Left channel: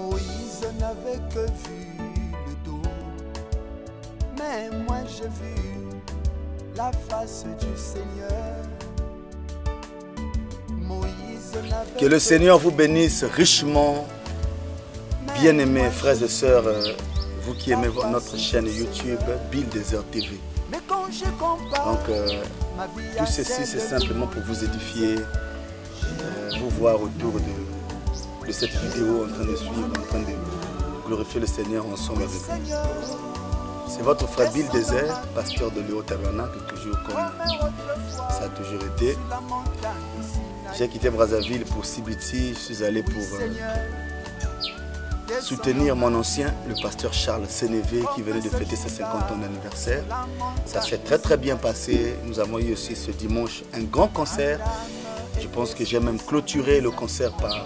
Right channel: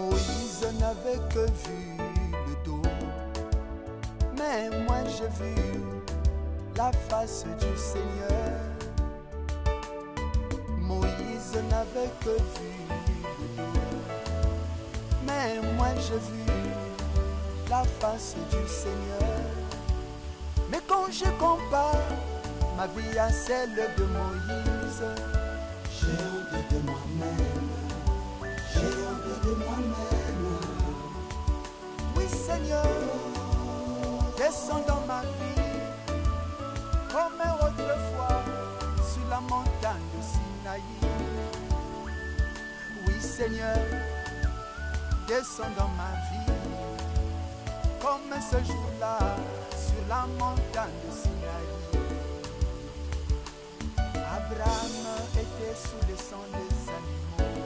Moïse n'avait que vu le dos, mais moi j'ai vu la face du Seigneur. Moïse n'avait Que le Seigneur vous bénisse richement, bien-aimés frères et sœurs, vous qui aimez notre chaîne YouTube Bill Desert TV. Mais quand je compare ma vie à tout ceci, celle c'est de simplement pour vous édifier, vous voir autour de cette vidéo. On est sur le train de glorifier le Seigneur ensemble. C'est votre frère Bill Desert, pasteur de l'Eau Tabernacle, toujours comme ça a toujours été. J'ai quitté Brazzaville pour Sibiti, je suis allé pour soutenir mon ancien, le pasteur Charles Sénévé, qui venait de fêter ses 50 ans d'anniversaire. Ça s'est très bien passé. Nous avons eu aussi ce dimanche un grand concert. Je pense que j'ai même clôturé le concert par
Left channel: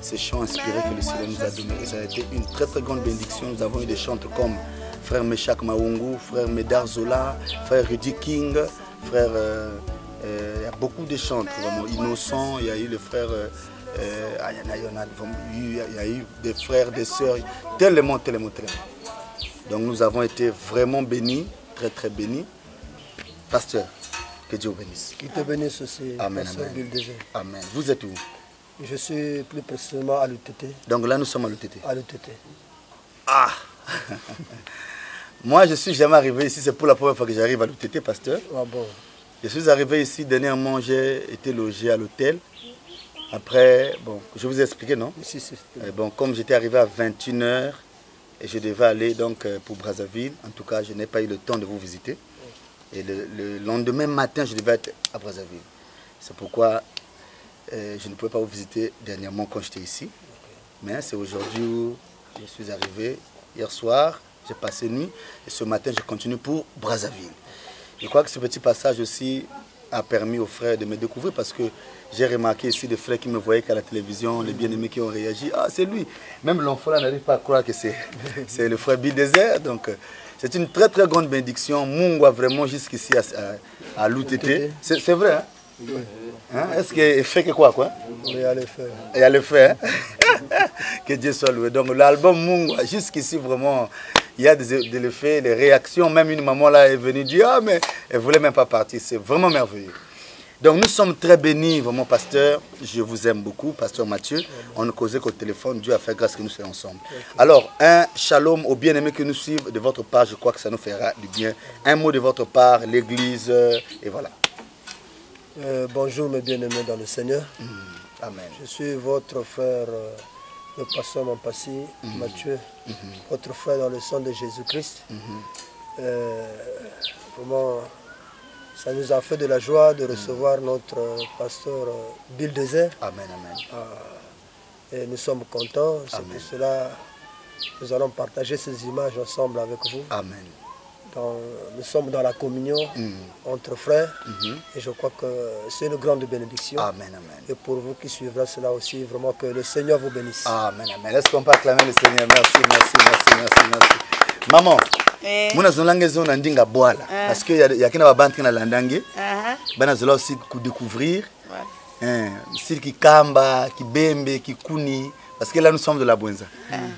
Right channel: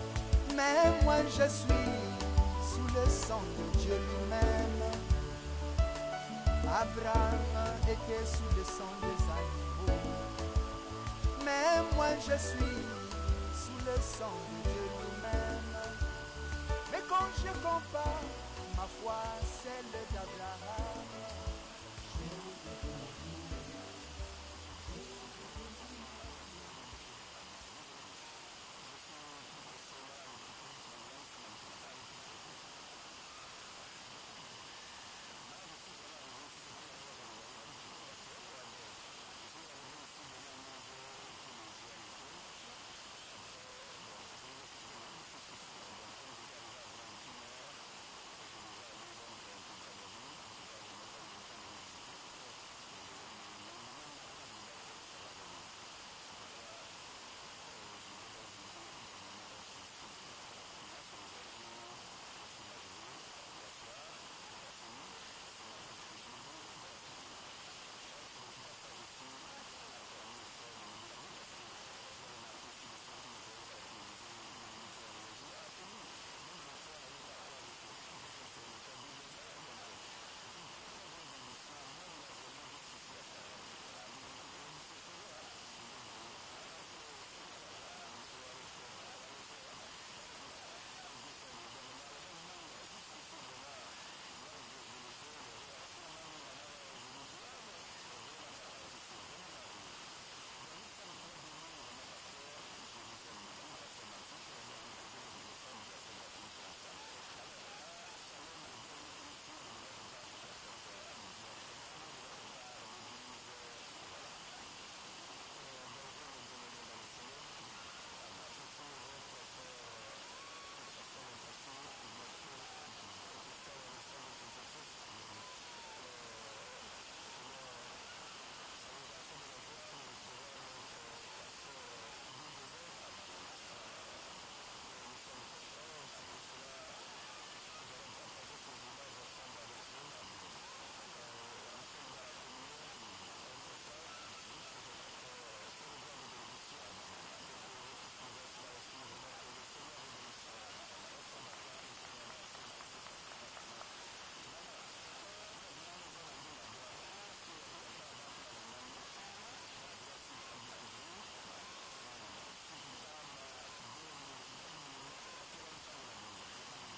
ces chants inspirés que le Seigneur nous a donnés. Ça a été une très grande bénédiction. Nous avons eu des chants comme frère Meshach Maungu, frère Medar Zola, frère Rudy King, frère... beaucoup de chants, vraiment innocents. Il y a eu le frère, il y a eu des frères, des sœurs, tellement. Donc nous avons été vraiment bénis, très bénis. Pasteur, que Dieu vous bénisse. Qu'il te bénisse aussi. Amen, amen. Amen. Vous êtes où? Je suis plus précisément à l'UTT. Donc là nous sommes à l'UTT. À l'UTT. Ah. Moi je suis jamais arrivé ici, c'est pour la première fois que j'arrive à l'UTT, pasteur. Ah bon. Je suis arrivé ici, dernièrement j'ai été logé à l'hôtel. Après, bon, je vous ai expliqué, non? Si. Bon, comme j'étais arrivé à 21h et je devais aller donc pour Brazzaville, en tout cas, je n'ai pas eu le temps de vous visiter. Et le lendemain matin, je devais être à Brazzaville. C'est pourquoi je ne pouvais pas vous visiter dernièrement quand j'étais ici. Mais c'est aujourd'hui où je suis arrivé. Hier soir, j'ai passé nuit et ce matin, je continue pour Brazzaville. Je crois que ce petit passage aussi a permis aux frères de me découvrir parce que j'ai remarqué ici des frères qui me voyaient qu'à la télévision, les bien-aimés qui ont réagi. Ah, c'est lui. Même l'enfant là n'arrive pas à croire que c'est le frère Bill Desert. Donc, c'est une très grande bénédiction. Mungwa vraiment jusqu'ici à l'UTT. C'est vrai, hein? Oui. Hein? Est-ce qu'il fait que quoi? Il y a le fait. Il y a le fait, hein? Que Dieu soit loué. Donc l'album Mungwa, jusqu'ici vraiment... Il y a des effets, des réactions. Même une maman là est venue dire ah mais elle ne voulait même pas partir. C'est vraiment merveilleux. Donc nous sommes très bénis, vraiment pasteur. Je vous aime beaucoup, pasteur Mathieu. On ne causait qu'au téléphone. Dieu a fait grâce que nous soyons ensemble. Alors, un shalom aux bien-aimés que nous suivent de votre part. Je crois que ça nous fera du bien. Un mot de votre part, l'église, et voilà. Bonjour mes bien-aimés dans le Seigneur. Amen. Je suis votre frère... le pasteur Mampassi, Mathieu, votre frère dans le sang de Jésus-Christ. Vraiment, ça nous a fait de la joie de recevoir notre pasteur Bill Desert. Amen, amen. Et nous sommes contents. C'est pour cela que nous allons partager ces images ensemble avec vous. Amen. Nous sommes dans la communion entre frères et je crois que c'est une grande bénédiction. Amen, amen. Et pour vous qui suivrez cela aussi, vraiment que le Seigneur vous bénisse. Amen, amen. Est-ce qu'on peut acclamer le Seigneur? Merci. Maman, muna zonlange zona ndinga boala parce que y a kina babanti na landange. Bana zola aussi découvrir. Sir ki kamba, ki bembe, ki kuni. Parce que là nous sommes de la Bwenza.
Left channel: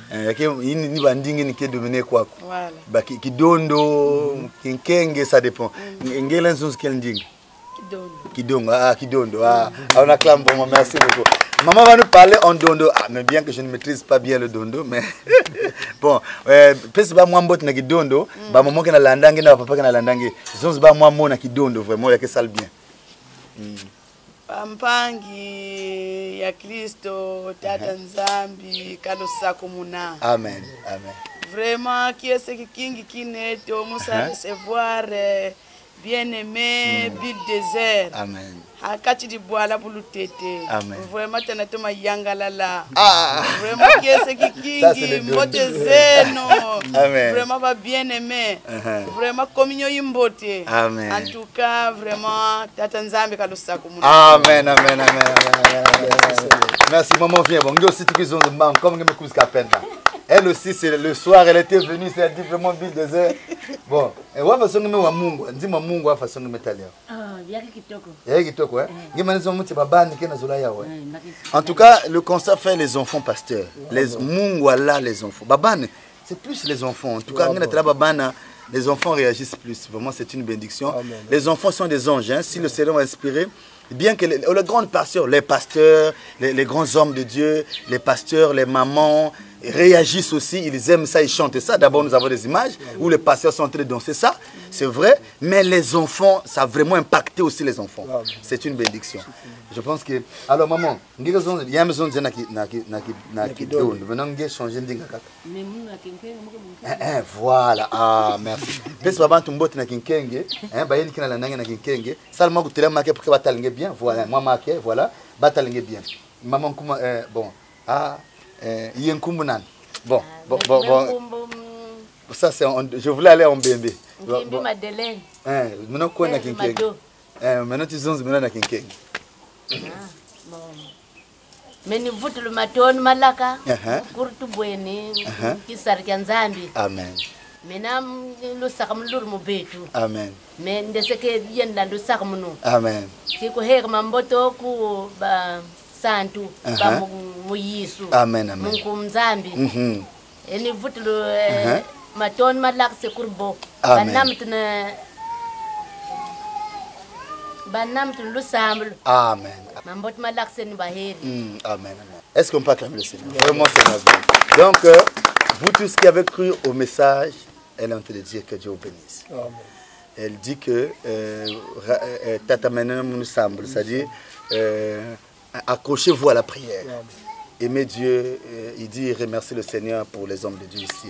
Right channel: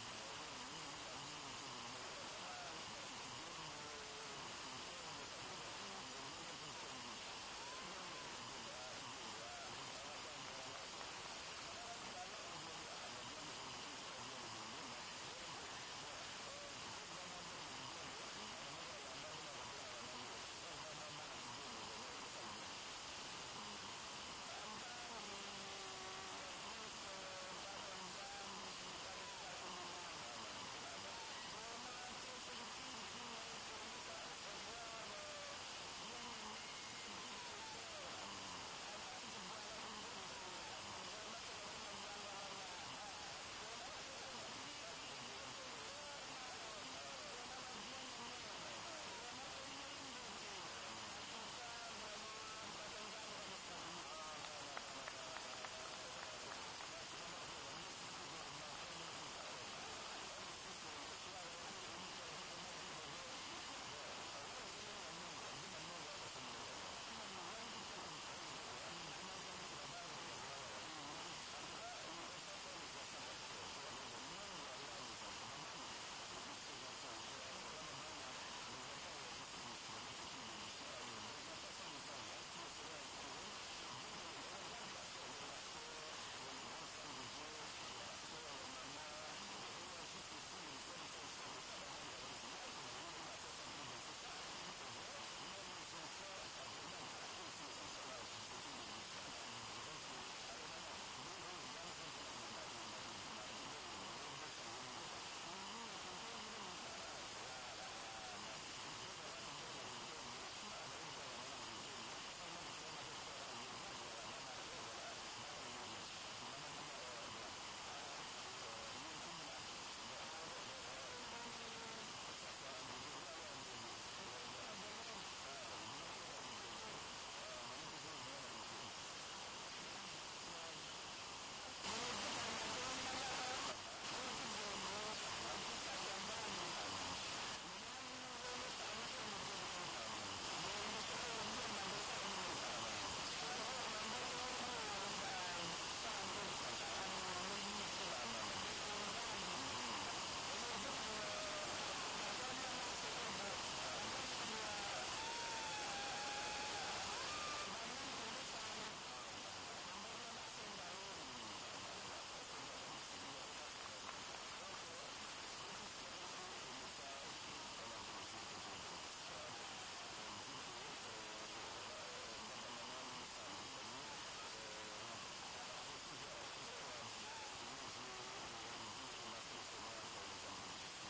Ni bandingi ni qui dominé quoi. Voilà. Ki dondo, ki nkenge ça dépend. Ngela nzonzi quel ndingi. Kidondo. Kidondo. On acclame pour moi, merci beaucoup. Maman va nous parler en dondo. Ah, mais bien que je ne maîtrise pas bien le dondo, mais bon, peut-être pas moi mbot na kidondo, ba maman qui na landange na papa qui na landange. Zonzi ba moi na kidondo vraiment il y a que ça le bien. Pampangi ya Kristo tata nzambi kalosa komuna. Amen. Vraiment qui est ce qui kineto musa recevoir bien-aimé Bill Desert. Amen. Akati di boala bulu tete. Amen. Vraiment tanato ma yangalala. Vraiment qui est ce qui mbote zeno. Amen. Vraiment va bien-aimé. Vraiment communion imbote. Amen. En tout cas vraiment tata nzambe kalosa komuna. Amen. Merci maman viens bon. Nous aussi tout qu'ils ont de comme me couche capena. Elle aussi, c'est le soir, elle était venue, c'est dit vraiment Bill Desert. Bon, et ouais, façon de me wa Mungu, dis-moi Mungu, façon de me taler. En tout cas, le constat fait les enfants pasteurs. Les Mungwala, les enfants. Babane, c'est plus les enfants. En tout cas, les enfants réagissent plus. Vraiment, c'est une bénédiction. Amen. Les enfants sont des anges. Hein. Si le Seigneur est inspiré, bien que les grands pasteurs, les grands hommes de Dieu, les pasteurs, les mamans, réagissent aussi, ils aiment ça, ils chantent ça. D'abord, nous avons des images où les pasteurs sont en train de danser ça, c'est vrai, mais les enfants, ça a vraiment impacté aussi les enfants. C'est une bénédiction. Je pense que... Alors, maman, il y a besoin de changer de... Voilà, ah, merci. Voilà, bien. Maman, bon, ah... Bon, ça c'est, je voulais aller en bébé. Maintenant tu zones maintenant na kinkeng. Meni vutu le maton malaka. Kurtu bweni kisar kanzambi. Amen. Menam lu sakam lur mo betu. Amen. Men ndeseke yenda lu sakamunu. Amen. Kiko heka mamboto ku ba santu ba muyisu. Amen, amen. Munkumzambi. Eni vutu maton malak se kurbo. Banam tu lu samblu. Amen. Mambot malak se ni baheri. Amen. Est-ce qu'on peut acclamer le Seigneur? Vraiment, c'est merveilleux. Donc, vous tous qui avez cru au message, elle est en train de dire que Dieu vous bénisse. Amen. Elle dit que Tata Menem nous semble, c'est-à-dire accrochez-vous à la prière. Aimez Dieu, il dit remerciez le Seigneur pour les hommes de Dieu ici.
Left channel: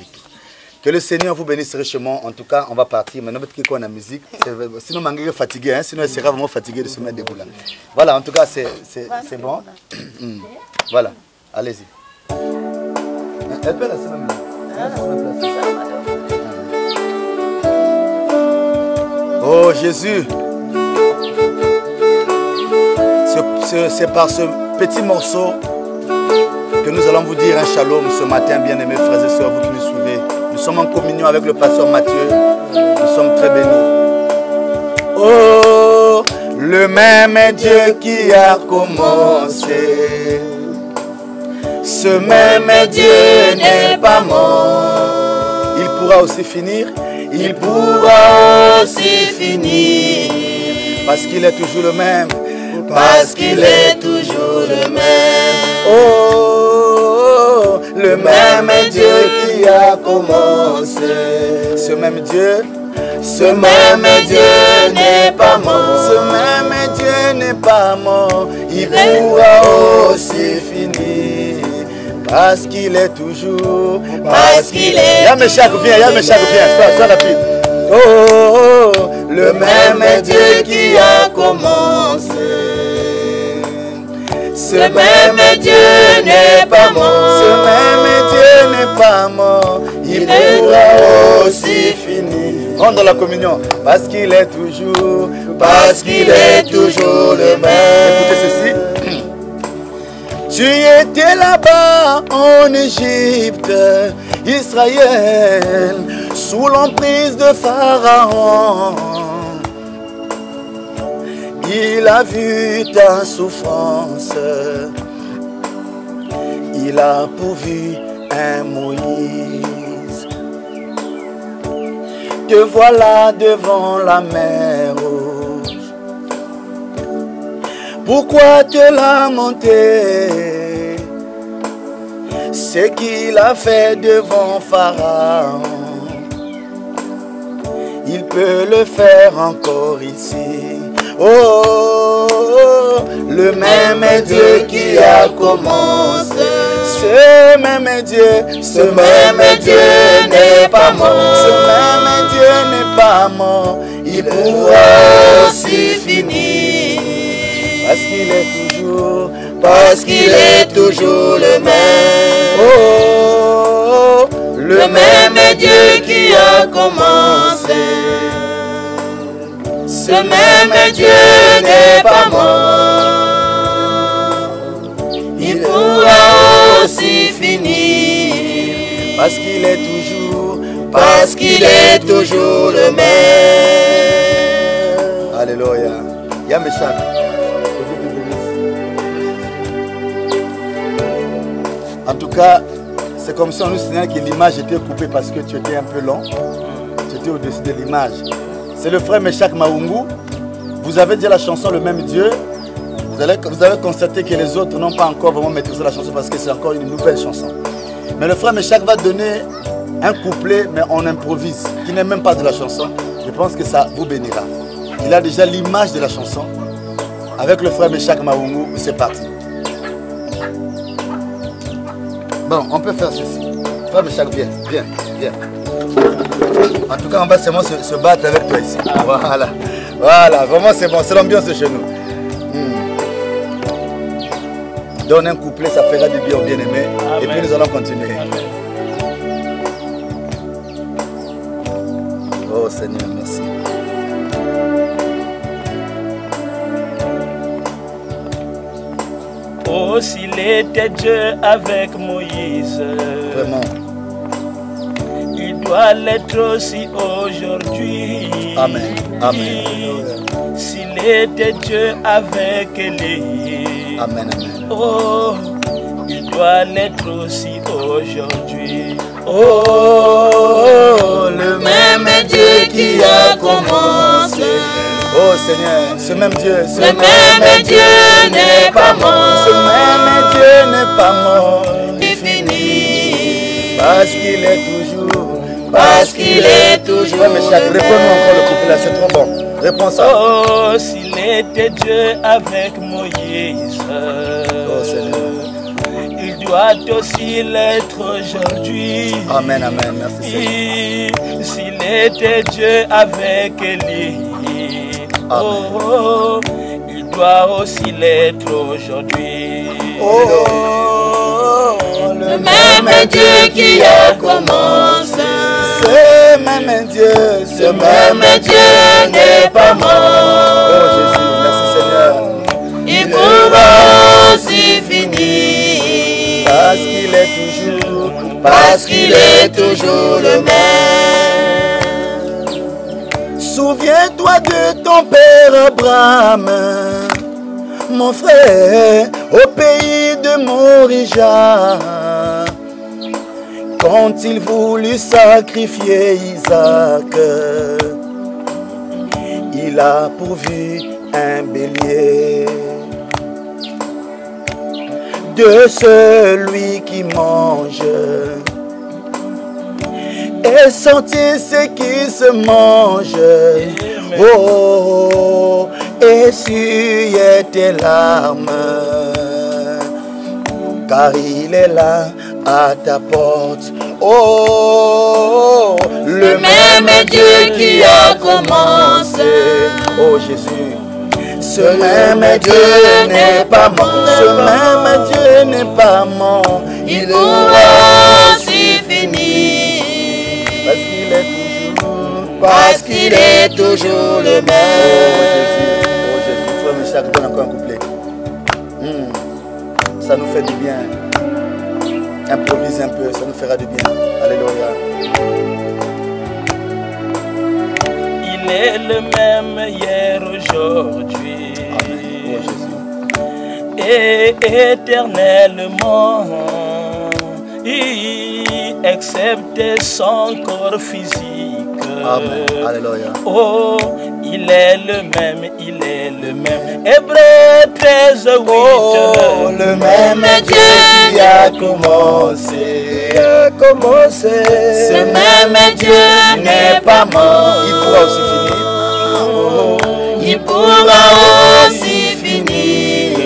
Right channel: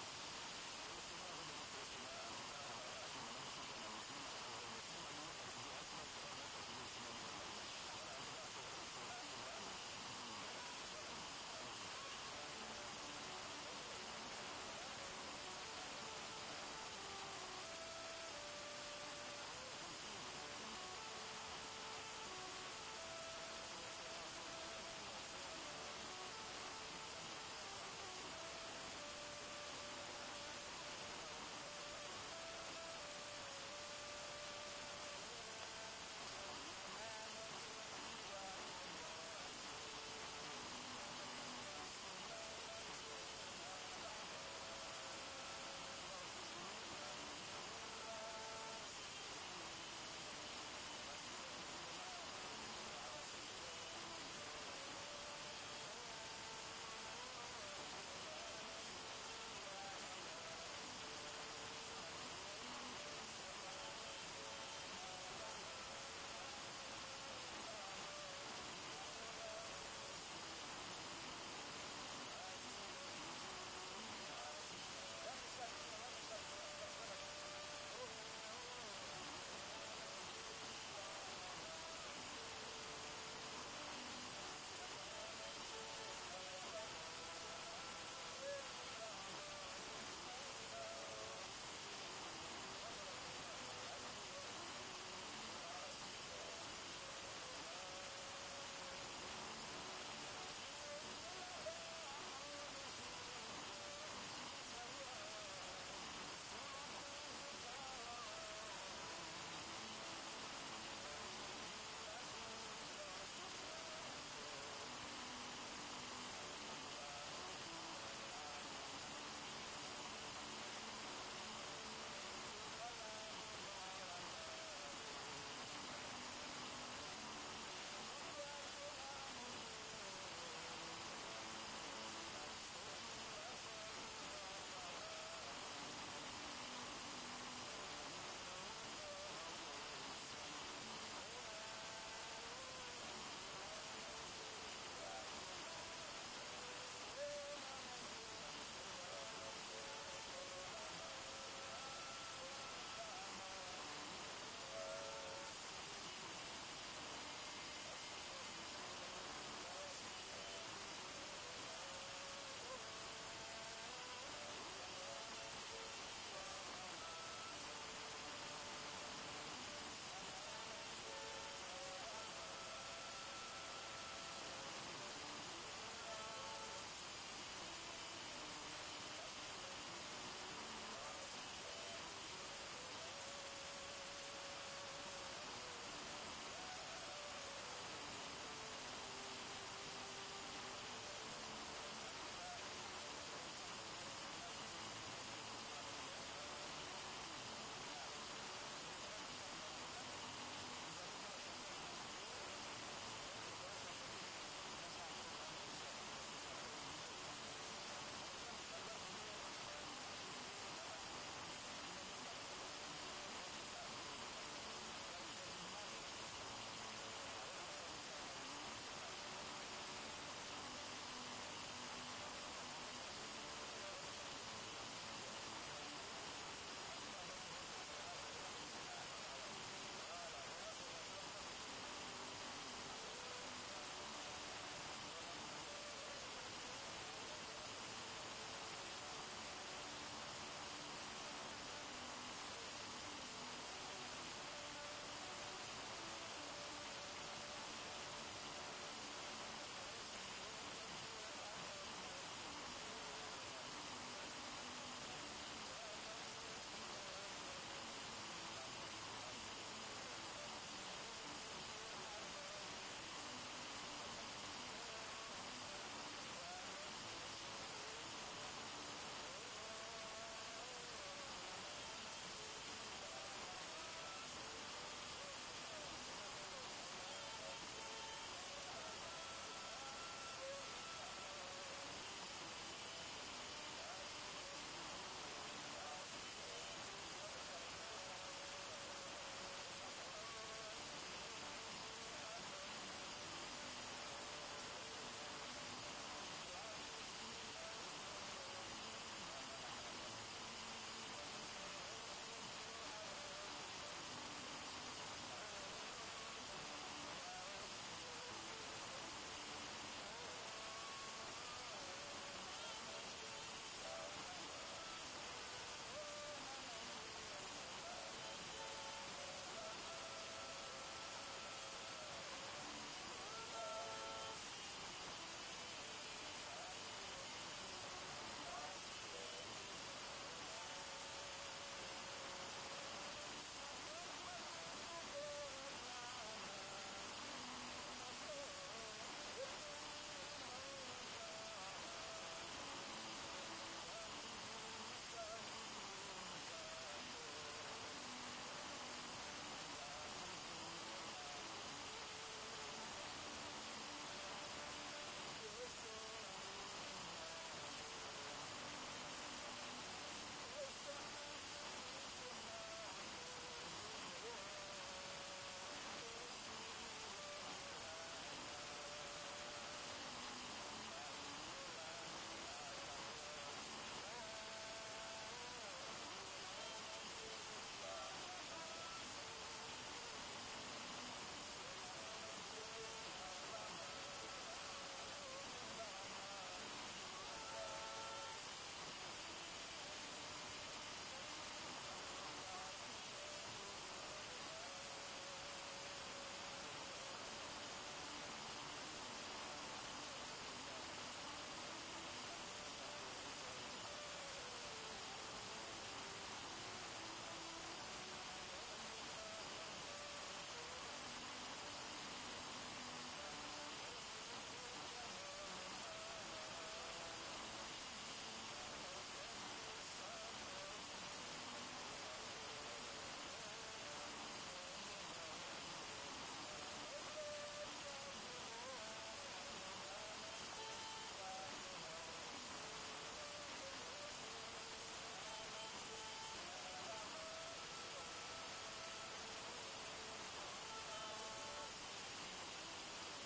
Que le Seigneur vous bénisse richement. En tout cas, on va partir. Maintenant, peut-être qu'on a la musique. Sinon, on est fatigué. Hein? Sinon, elle sera vraiment fatiguée de se mettre debout là. Voilà, en tout cas, c'est bon. Voilà, allez-y. Elle peut rester même là. Oh Jésus, c'est par ce petit morceau que nous allons vous dire un shalom ce matin, bien-aimés frères et sœurs, vous qui nous suivez. Nous sommes en communion avec le pasteur Mathieu. Nous sommes très bénis. Oh, le même Dieu qui a commencé, ce même Dieu n'est pas mort. Il pourra aussi finir. Il pourra aussi finir. Parce qu'il est toujours le même. Parce qu'il est toujours le même. Oh, le même Dieu qui a commencé. Ce même Dieu n'est pas mort. Ce même Dieu n'est pas mort. Il pourra aussi finir. Parce qu'il est toujours. Parce qu'il est. Yameshak, viens, sois rapide. Oh, le même Dieu qui a commencé. Ce même Dieu n'est pas mort. Ce même Dieu n'est pas mort. Il pourra aussi finir. Rendre la communion. Parce qu'il est toujours. Parce qu'il est toujours le même. Écoutez ceci. Tu étais là-bas en Égypte, Israël, sous l'emprise de Pharaon. Il a vu ta souffrance, il a pourvu un Moïse. Te voilà devant la mer rouge. Pourquoi te lamenter? Ce qu'il a fait devant Pharaon, il peut le faire encore ici. Oh, le même Dieu qui a commencé. Ce même Dieu n'est pas mort. Ce même Dieu n'est pas mort. Il pourra aussi finir. Parce qu'il est toujours le même. Oh, le même Dieu qui a commencé. Ce même Dieu n'est pas mort. Il pourra aussi finir. Parce qu'il est toujours le même. Alléluia. frère Méchant. En tout cas, c'est comme si on nous signale que l'image était coupée parce que tu étais un peu long. Tu étais au-dessus de l'image. C'est le frère Méchak Maungu. Vous avez dit la chanson Le Même Dieu. Vous avez constaté que les autres n'ont pas encore vraiment maîtrisé la chanson parce que c'est encore une nouvelle chanson. Mais le frère Méchak va donner un couplet, mais on improvise, qui n'est même pas de la chanson. Je pense que ça vous bénira. Il a déjà l'image de la chanson. Avec le frère Méchak Maungu, c'est parti. Bon, on peut faire ceci. Frère Méchak, viens, viens, viens. En tout cas, on va seulement se battre avec toi ici. Voilà. Voilà, vraiment c'est bon, c'est l'ambiance de chez nous. Donne un couplet, ça fera du bien au bien-aimé. Et puis nous allons continuer. Amen. Oh Seigneur, merci. Oh, s'il était Dieu avec Moïse. Vraiment. Il doit l'être aussi aujourd'hui. Amen. Amen. S'il était Dieu avec Élie. Amen, amen. Oh, il doit l'être aussi aujourd'hui. Oh, le même Dieu qui a commencé. Oh Seigneur, ce même Dieu, ce même Dieu n'est pas mort. Ce même Dieu n'est pas mort. Infini. Parce qu'il est toujours. Parce qu'il est toujours. Ouais, mais chaque, réponds-nous encore le couplet là, c'est trop bon. Réponds ça. Oh, s'il était Dieu avec Moïse. Oh Seigneur. Il doit aussi l'être aujourd'hui. Amen, amen, merci Seigneur. S'il était Dieu avec Élie. Oh, il doit aussi l'être aujourd'hui. Oh, le même Dieu qui a commencé. Ce même Dieu, ce même Dieu n'est pas mort. Oh Jésus, merci Seigneur. Il pourra aussi finir. Parce qu'il est toujours le même. Souviens-toi de ton père Abraham, mon frère, au pays de Morija. Quand il voulut sacrifier Isaac, il a pourvu un bélier de celui qui mange et sentit ce qui se mange. Oh, essuyez tes larmes, car il est là à ta porte. Oh, le même Dieu qui a commencé. Oh Jésus, ce même Dieu n'est pas mort. Ce même Dieu n'est pas mort. Il pourra aussi finir. Parce qu'il est toujours le même. Oh Jésus, frère Méchak, donne encore un couplet. Ça nous fait du bien. Improvise un peu, ça nous fera du bien. Alléluia. Il est le même hier, aujourd'hui. Amen. Oh Jésus. Et éternellement, excepté son corps physique. Amen. Alléluia. Oh, il est le même, il est le même. Hébreux 13, 8. Oh, le même Dieu qui a commencé. Ce même Dieu n'est pas mort. Il pourra aussi finir. Oh, il pourra aussi finir.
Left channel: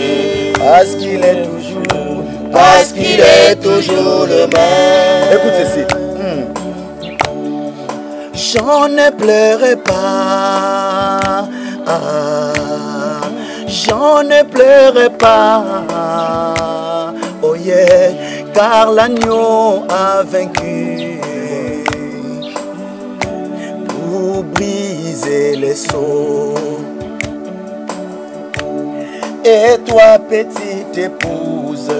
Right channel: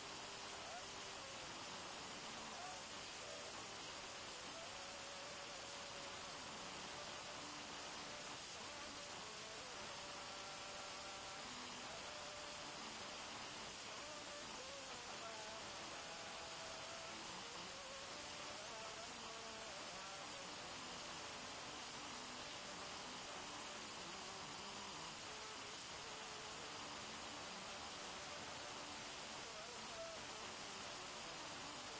Parce qu'il est toujours le même. Écoute ceci. J'en ne pleurerai pas. J'en ne pleurerai pas. Oh yeah, car l'agneau a vaincu pour briser les sceaux. Et toi, petite épouse,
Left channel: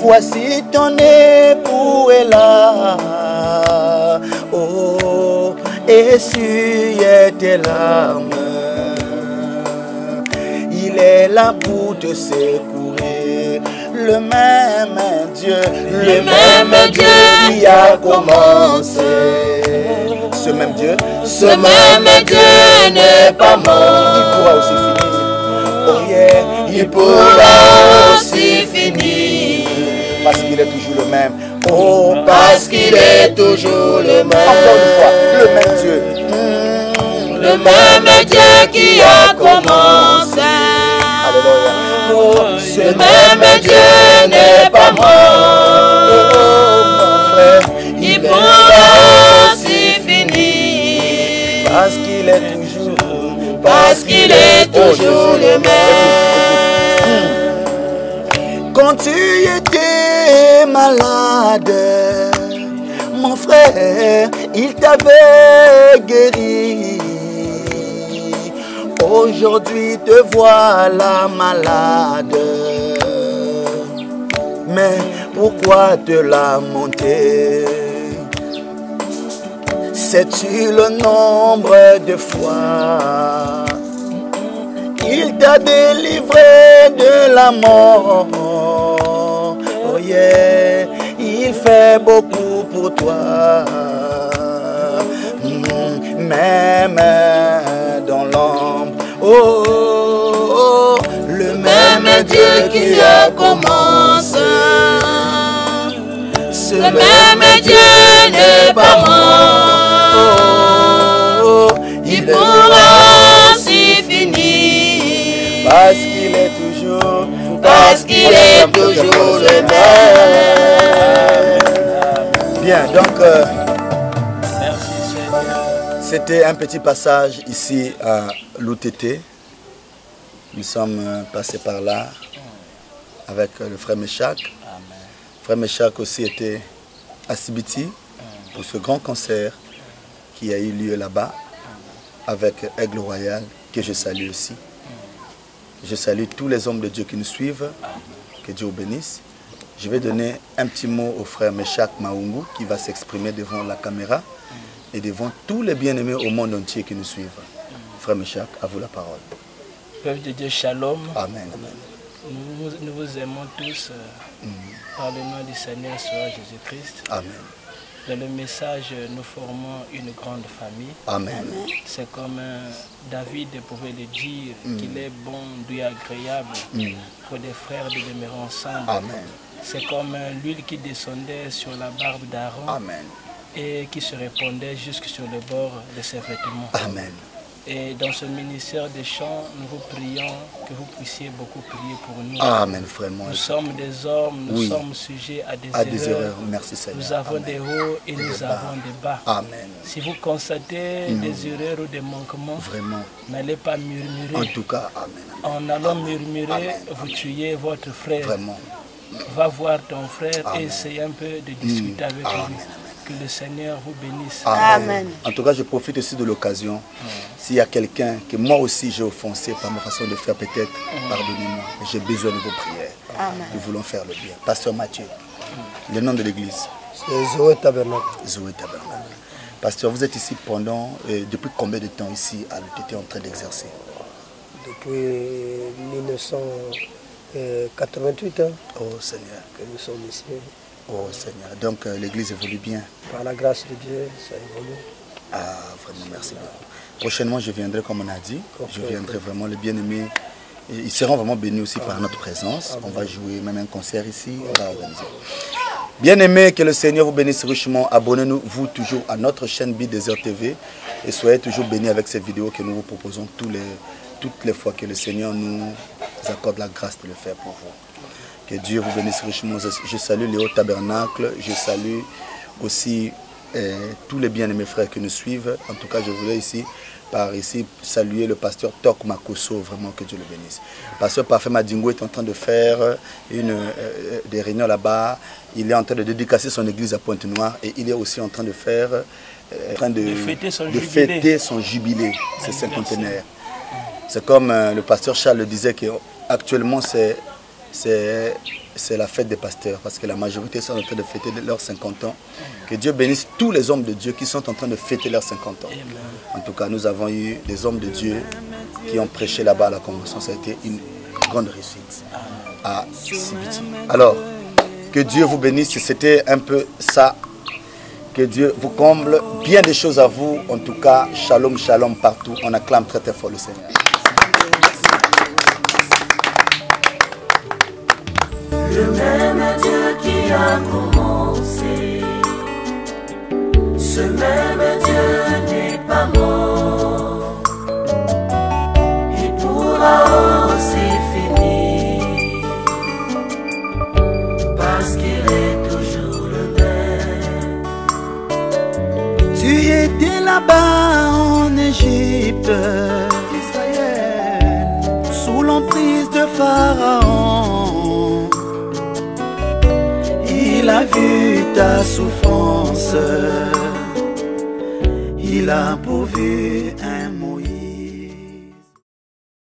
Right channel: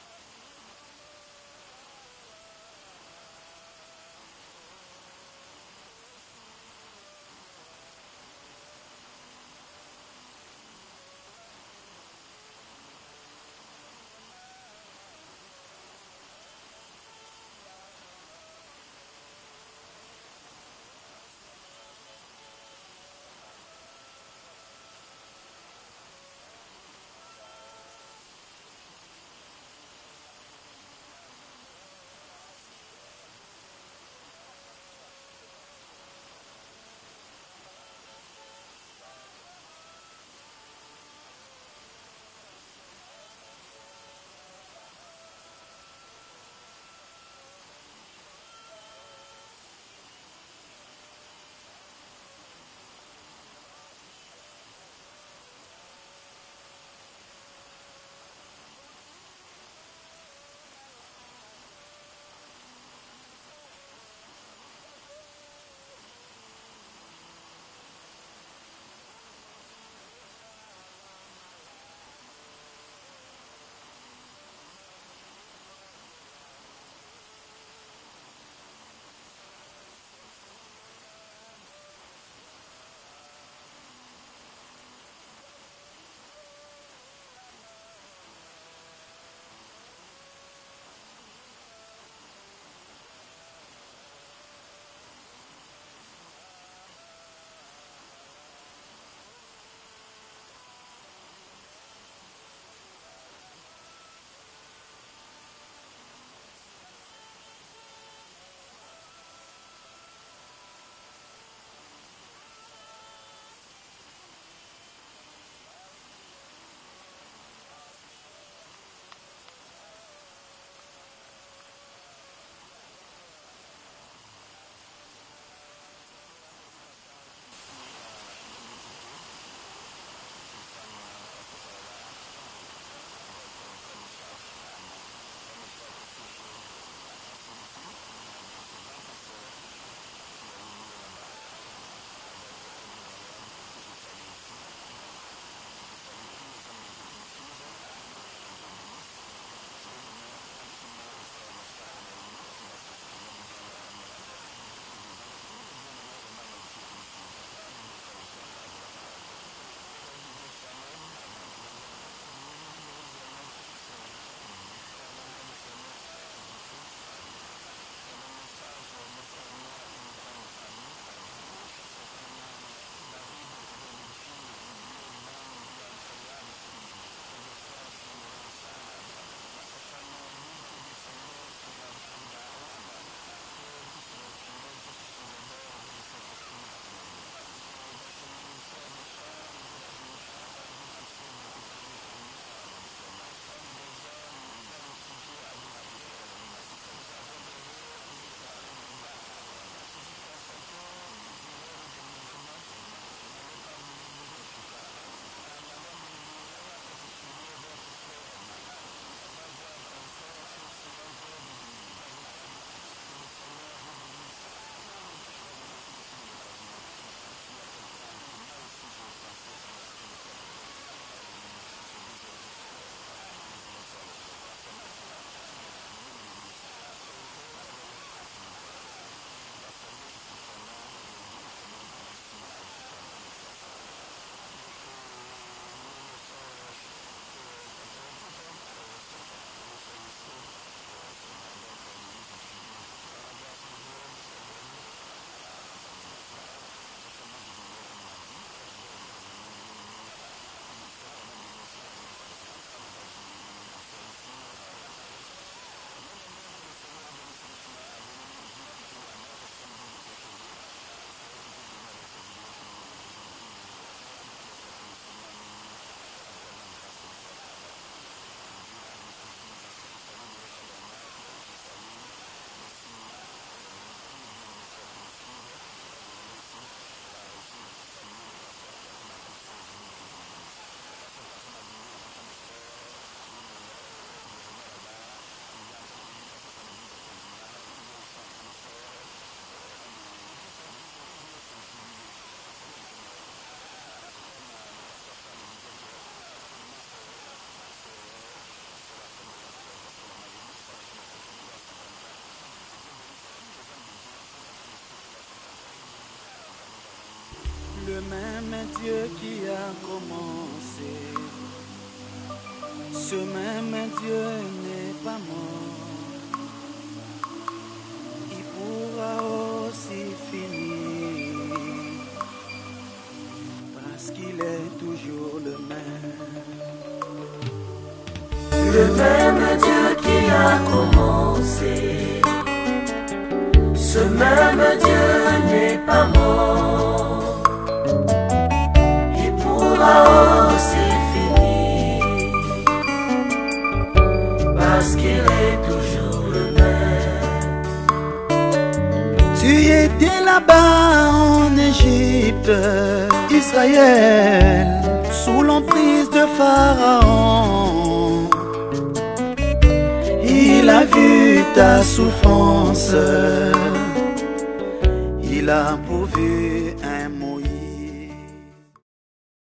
voici ton époux est là. Oh, essuie tes larmes, est là pour te secourir. Le même Dieu qui a commencé. Ce même Dieu n'est pas mort. Il pourra aussi finir. Oh yeah, il pourra aussi finir. Parce qu'il est toujours le même. Oh, parce qu'il est toujours le même. Encore une fois, le même Dieu. Le même Dieu qui a commencé. Alléluia. Oh, ce même Dieu n'est pas mort. Oh, mon frère, il pourra aussi finir. Parce qu'il est toujours le même. Quand tu étais malade, mon frère, il t'avait guéri. Aujourd'hui te voilà malade. Mais pourquoi te lamenter? Sais-tu le nombre de fois il t'a délivré de la mort? Oh yeah, il fait beaucoup pour toi. Même dans l'ombre. Oh, oh, oh, le même Dieu qui a commencé. Ce même Dieu n'est pas mort. Oh, oh, il pourra aussi finir. Parce qu'il est toujours le même. Bien, donc c'était un petit passage ici à l'UTT. Nous sommes passés par là avec le frère Meshach. Frère Meshach aussi était à Sibiti pour ce grand concert qui a eu lieu là-bas avec Aigle Royal, que je salue aussi. Je salue tous les hommes de Dieu qui nous suivent. Que Dieu vous bénisse. Je vais donner un petit mot au frère Meshach Maungu qui va s'exprimer devant la caméra et devant tous les bien-aimés au monde entier qui nous suivent. Frère Meshach, à vous la parole. Peuple de Dieu, shalom. Amen. Nous vous aimons tous par le nom du Seigneur Jésus-Christ. Amen. Dans le message, nous formons une grande famille. Amen. C'est comme David pouvait le dire, qu'il est bon, doux et agréable pour des frères de demeurer ensemble. Amen. C'est comme l'huile qui descendait sur la barbe d'Aaron. Amen. Et qui se répandait jusque sur le bord de ses vêtements. Amen. Et dans ce ministère des chants, nous vous prions que vous puissiez beaucoup prier pour nous. Amen, frère. Nous sommes des hommes, nous sommes sujets à des erreurs. Merci Seigneur. Nous avons des hauts et nous avons des bas. Amen. Si vous constatez des erreurs ou des manquements, vraiment, n'allez pas murmurer. En tout cas, amen. En allant murmurer, vous tuez votre frère. Vraiment. Va voir ton frère et essaye un peu de discuter avec lui. Que le Seigneur vous bénisse. Amen. En tout cas, je profite aussi de l'occasion. S'il y a quelqu'un que moi aussi j'ai offensé par ma façon de faire, peut-être, pardonnez-moi. J'ai besoin de vos prières. Amen. Nous voulons faire le bien. Pasteur Mathieu, le nom de l'église. C'est Zoé Tabernacle. Zoé Tabernacle. Pasteur, vous êtes ici depuis combien de temps ici à l'UTT en train d'exercer? Depuis 1988 Oh Seigneur. que nous sommes ici. Oh Seigneur. Donc l'église évolue bien. Par la grâce de Dieu, ça évolue. Ah, vraiment, merci beaucoup. Prochainement, je viendrai comme on a dit. Je viendrai vraiment, les bien-aimés. Ils seront vraiment bénis aussi par notre présence. On va jouer même un concert ici. On va organiser. Bien-aimés, que le Seigneur vous bénisse richement. Abonnez-nous, vous, toujours à notre chaîne Bidesert TV. Et soyez toujours bénis avec ces vidéos que nous vous proposons toutes les fois que le Seigneur nous accorde la grâce de le faire pour vous. Que Dieu vous bénisse richement. Je salue Léo Tabernacle. Je salue aussi tous les bien-aimés frères qui nous suivent. En tout cas, je voulais ici saluer le pasteur Tok Makoso. Vraiment, que Dieu le bénisse. Le pasteur Parfait Madingo est en train de faire des réunions là-bas. Il est en train de dédicacer son église à Pointe-Noire. Et il est aussi en train de faire... fêter son jubilé, ses cinquantenaires. C'est comme le pasteur Charles le disait qu'actuellement c'est la fête des pasteurs parce que la majorité sont en train de fêter leurs 50 ans. Que Dieu bénisse tous les hommes de Dieu qui sont en train de fêter leurs 50 ans. En tout cas, nous avons eu des hommes de Dieu qui ont prêché là-bas à la convention. Ça a été une grande réussite. À alors, que Dieu vous bénisse. C'était un peu ça. Que Dieu vous comble. Bien des choses à vous. En tout cas, shalom, shalom partout. On acclame très très fort le Seigneur. Le même Dieu qui a commencé, ce même Dieu n'est pas mort. Il pourra aussi finir, parce qu'il est toujours le même. Tu étais là-bas en Égypte, Israël, sous l'emprise de Pharaon. Il a vu ta souffrance, il a pourvu un